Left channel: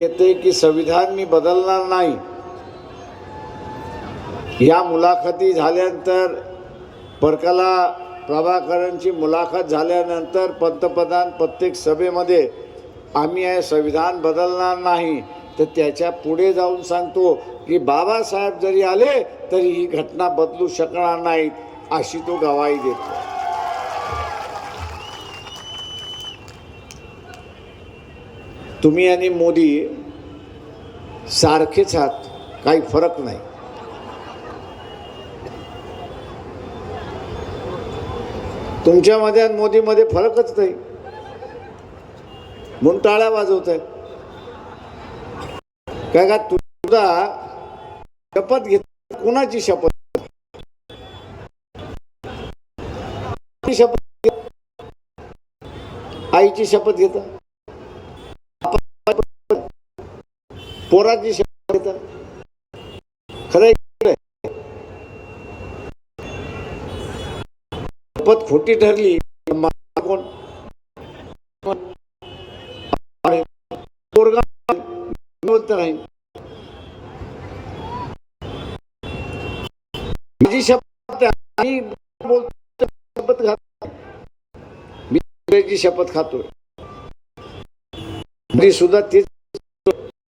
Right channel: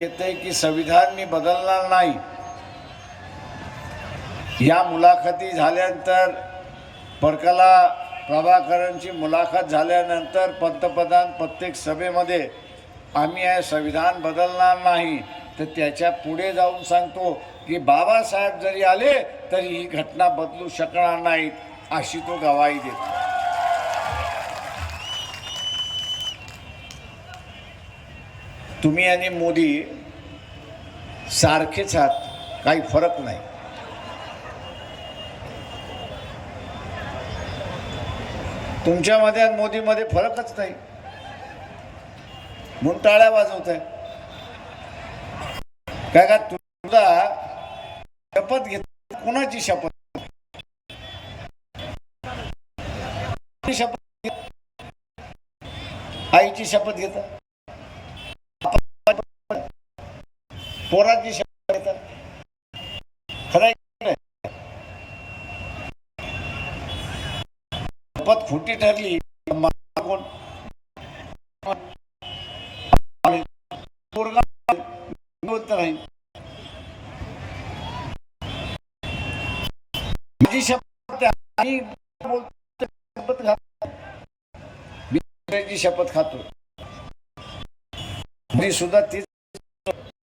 येते की संविधान मी बदलणार नाही. या मुलाखती झाल्यानंतर परकला प्रभाकरांची मुलाखत झाल्यानंतर पंतप्रधान प्रत्येक सभेमध्ये आम्ही हे संविधान बदलणार नाही. तर त्याच्या पुढे जाऊन सांगतो की बाबासाहेब जरी आले तरी ही घटना बदलू शकणार नाहीत अशी तो गवाही देतो. तुम्ही आणि मोदी सारखेच आहात काही फरक नाही. तुमच्यामध्ये आणि मोदीमध्ये फरकच नाही. म्हणून टाळ्या वाजवत आहे काय का तुझा शपथ घेत कोणाची शपथ? शपथ आईची शपथ घेता पोराची शपथ घेता खरं आहे शपथ खोटी ठरली मग कोण? आणि माझी शपथ आणि शपथ खात मी शपथ खातो मी सुद्धा तीच